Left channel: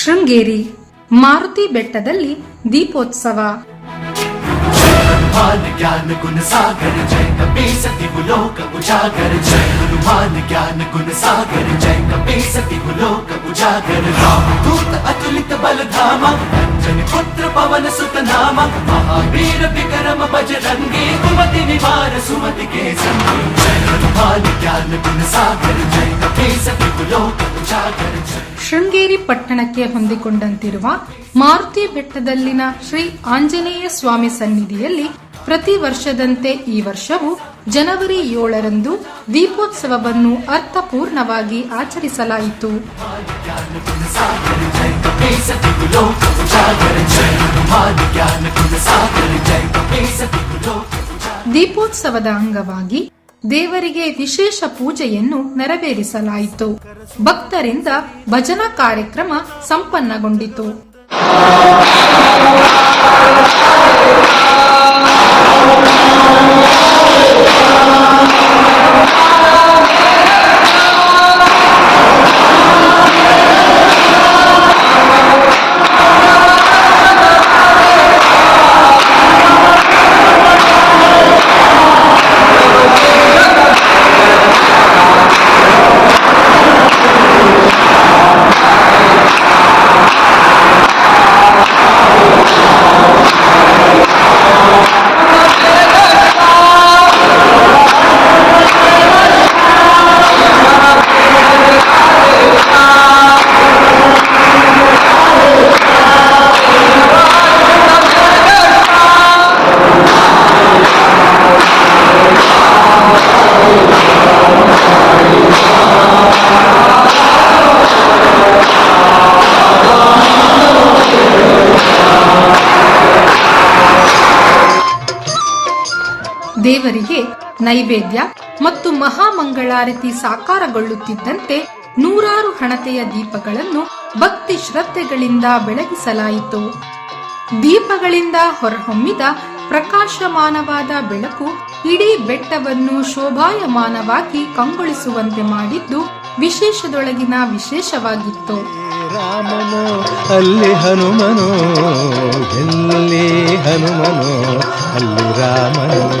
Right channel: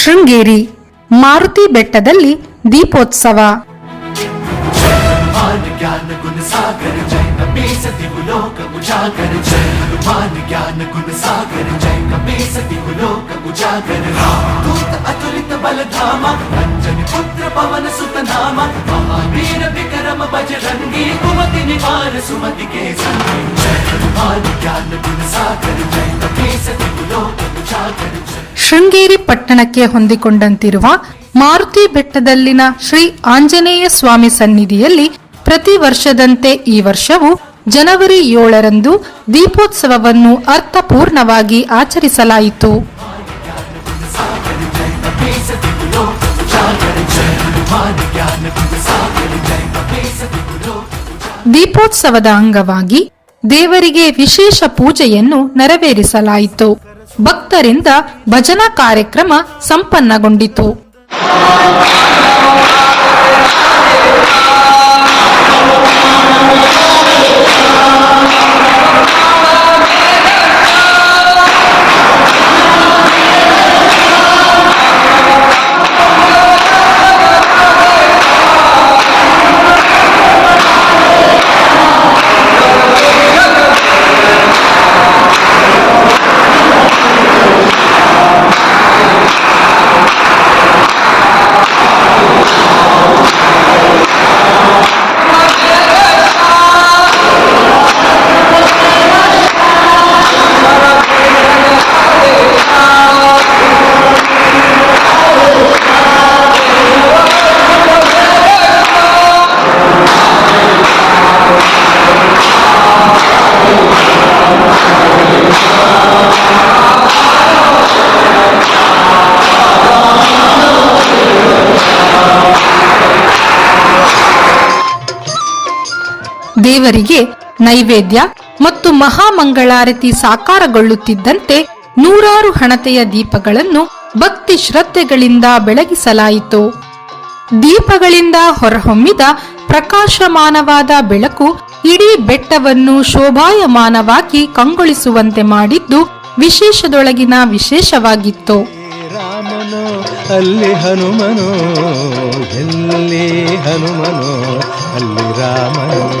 ಶೃಂಗೇರಿ ಮಾರುತಿ ಬೆಟ್ಟದಲ್ಲಿ ದೀಪೋತ್ಸವ हनुमान ज्ञान गुण सागर जय कपीस तिहुलोक उजागर जय हनुमान ज्ञान गुण सागर जय कपीस तिहुलोक उजागर राम दूत अतुलित बल धामा अंजनी पुत्र पवन सुत नामा महावीर विक्रम बजरंगी कुमति निवार सुमति के संगी जय हनुमान ज्ञान गुण सागर ಶೃಂಗೇರಿ ಪಟ್ಟಣಕ್ಕೆ ಹೊಂದಿಕೊಂಡಂತಿರುವ ಮಾರುತಿ ಬೆಟ್ಟದಲ್ಲಿನ ಶ್ರೀ ಆಂಜನೇಯ ಸ್ವಾಮಿ ಸನ್ನಿಧಿಯಲ್ಲಿ ಪ್ರತಿ ವರ್ಷದಂತೆ ಈ ವರ್ಷವೂ ಜನವರಿ ಏಳರಂದು ದೀಪೋತ್ಸವವನ್ನು ಅರ್ಥಪೂರ್ಣವಾಗಿ ಆಚರಿಸಲಾಯಿತು. ದೀಪೋತ್ಸವದ ಅಂಗವಾಗಿ ದೇವರಿಗೆ ವಿಶೇಷ ಪೂಜೆಯನ್ನು ನೆರವೇರಿಸಲಾಯಿತು. ಭಕ್ತರಿಂದ ಭಜನಾ ಕಾರ್ಯಕ್ರಮ ಸಂಪನ್ನಗೊಂಡಿತು. ದೇವರಿಗೆ ನೈವೇದ್ಯ ಮತ್ತು ಮಹಾಮಂಗಳಾರತಿ ಸಾಕಾರಗೊಳ್ಳುತ್ತಿದ್ದಂತೆ ನೂರಾರು ಹಣತೆಯ ದೀಪಗಳನ್ನು ಭಕ್ತಿ ಶ್ರದ್ಧೆಗಳಿಂದ ಬೆಳಗಿಸಲಾಯಿತು. ದೀಪಗಳಿಂದ ಹೊರಹೊಮ್ಮಿದ ಪ್ರಕಾಶಮಾನವಾದ ಬೆಳಕು ಇಡೀ ಬೆಟ್ಟವನ್ನು ಶೋಭಾಯಮಾನವಾಗಿ ಕಂಗೊಳಿಸುವಂತೆ ಮಾಡಿದ್ದು ವಿಶೇಷದೊಳಗಿನ ವಿಶೇಷವಾಗಿತ್ತು. ರಾಮನೋ, ಅಲ್ಲಿ ಹನುಮನೋ, ಎಲ್ಲಿ ಅಲ್ಲಿ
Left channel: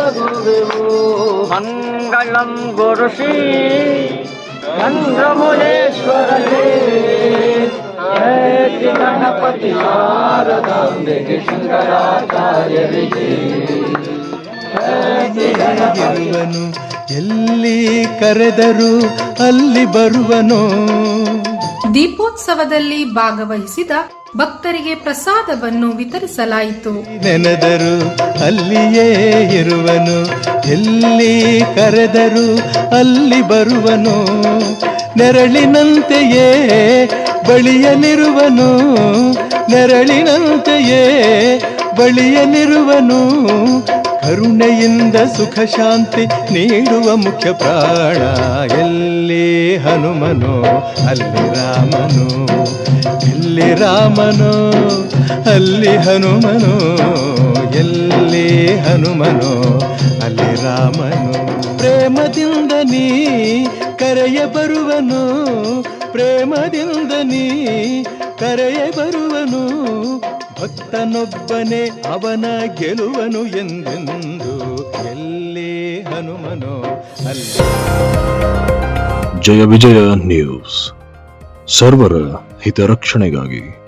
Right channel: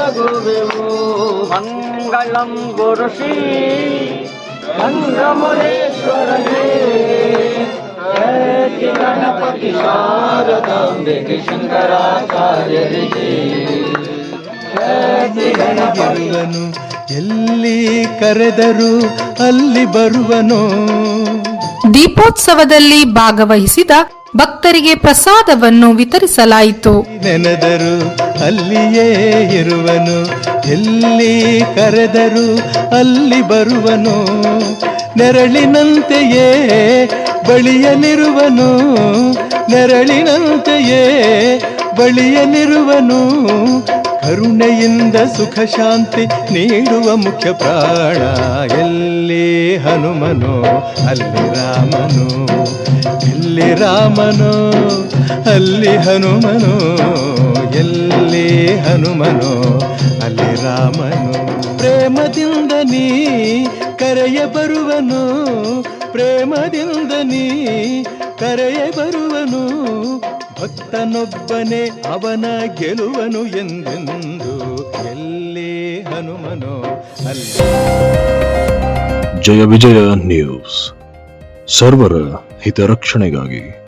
ಒಳಗುವೆವು ಮಂಗಳಂ ಗುರು ಶ್ರೀ ಮಂಗಮುರೇಶ್ವರನೇ ಗಣಪತಿ ಶಾರದಾಂಬೆಗೆ ಶಂಕರಾಚಾರ್ಯರಿಗೆ ಎಲ್ಲಿ ಕರೆದರು ಅಲ್ಲಿ ಬರುವನು. ದೀಪೋತ್ಸವದಲ್ಲಿ ಭಾಗವಹಿಸಿದ ಭಕ್ತರಿಗೆ ಪ್ರಸಾದವನ್ನು ವಿತರಿಸಲಾಯಿತು. ನೆನೆದರು ಅಲ್ಲಿಯೇ ಇರುವನು, ಎಲ್ಲಿ ಕರೆದರು ಅಲ್ಲಿ ಬರುವನು. ನೆರಳಿನಂತೆಯೇ ಬಳಿಯಲಿರುವನು ನೆರಳಿನಂತೆಯೇ ಬಳಿಯಲಿರುವನು. ಕರುಣೆಯಿಂದ ಸುಖ ಶಾಂತಿ ನೀಡುವ ಮುಖ್ಯ ಪ್ರಾಣ ಎಲ್ಲಿ ಹನುಮನು, ಅಲ್ಲಿ ರಾಮನು, ಎಲ್ಲಿ ರಾಮನು, ಅಲ್ಲಿ ಹನುಮನು, ಎಲ್ಲಿ ಹನುಮನು, ಅಲ್ಲಿ ರಾಮನು. ಪ್ರೇಮದಿಂದ ನೀ ಕರೆಯ ಬರುವನು, ಪ್ರೇಮದಿಂದ ನೀ ಕರೆಯ ಬರುವನು, ಭಕ್ತನೊಬ್ಬನೇ ಅವನ ಗೆಲುವನು ಎಂದೆಂದು, ಎಲ್ಲಿ ಹನುಮನೋ, ಅಲ್ಲಿ ಜಯ ವಿಜಯ ನ್ಯೂಸ್. ಸರ್ವರ ಹಿತರಕ್ಷಣೆಗಾಗಿ.